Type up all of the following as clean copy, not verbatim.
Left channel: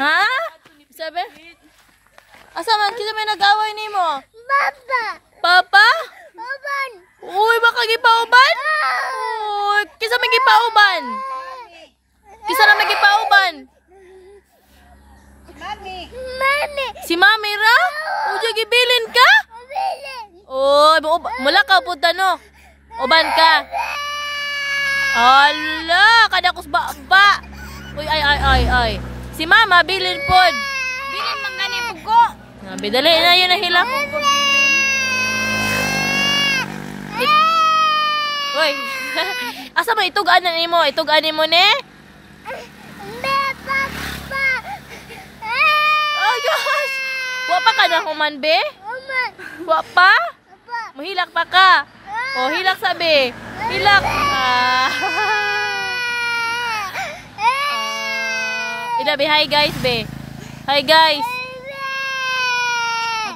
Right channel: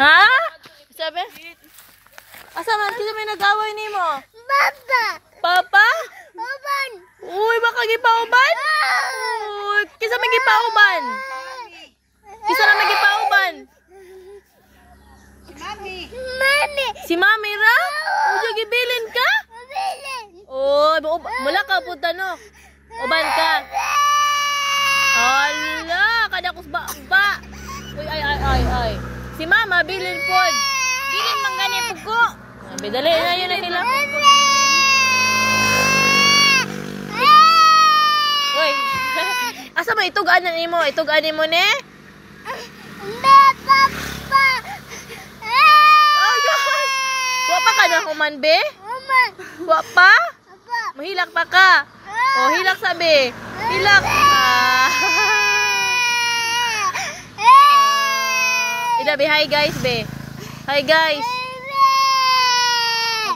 Ha? Sabi? Asa man kinsa may nag-away nimo? Papa. Papa? Uban. Uy, baka gipauban? Uy, kinsa may gipauban? Kinsa na may gipauban? Mami. Si Mami ra? Uy, gibilin ka? Bilin. Uy, mula ka punta no. Uban ka. Ala, kada kusba ba. Uy, ay. Si Mama bilin pod. Bilin man gani tugo. Sabi, dali na yun na hilak. Uy, asa ba itug-anan nimo? Itug-anan mo ne? Papa. Oh gosh! Wa pa ka na human, be? Uman. Wa pa? Papa. Mahilak pa ka. Oh, hilak sabi. Hilak. Ida, be, hi guys, be. Hi guys.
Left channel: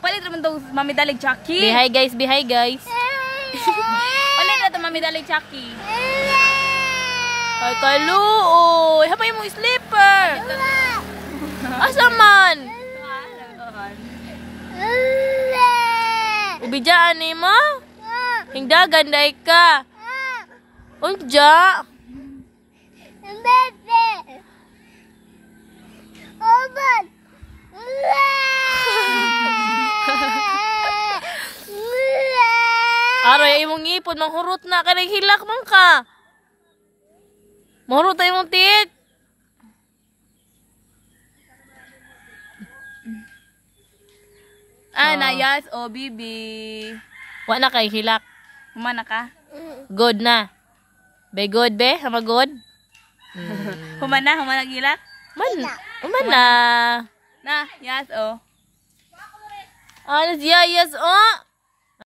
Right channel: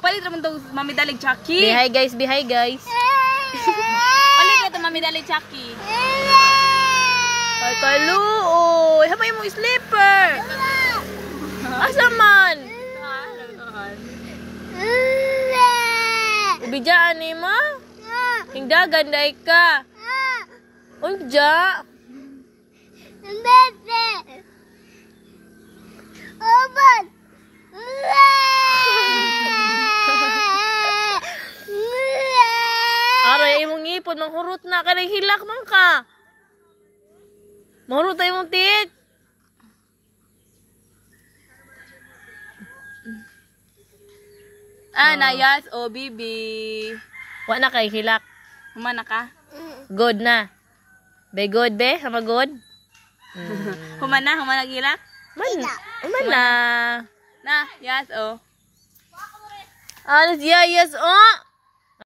Palit naman daw Mami Dalig Chucky. Be, hi guys, be, hi guys. Palit na daw Mami Dalig Chucky. Ay, kaluoy. Hapay mo slipper. Asa man? Ubijaan ni mo? Hingdagan day ka. Unja. Bebe. Uban. Aray, imong ngipon, manghurot na. Kanang hilak man ka. Mahurot tayo mong tiyit. Nayas o bibi. Wa na kay hilak. Humana ka? Good na. Be good, be? Hama good? Humana gilak? Man na. Na, yas o. Yes, oh.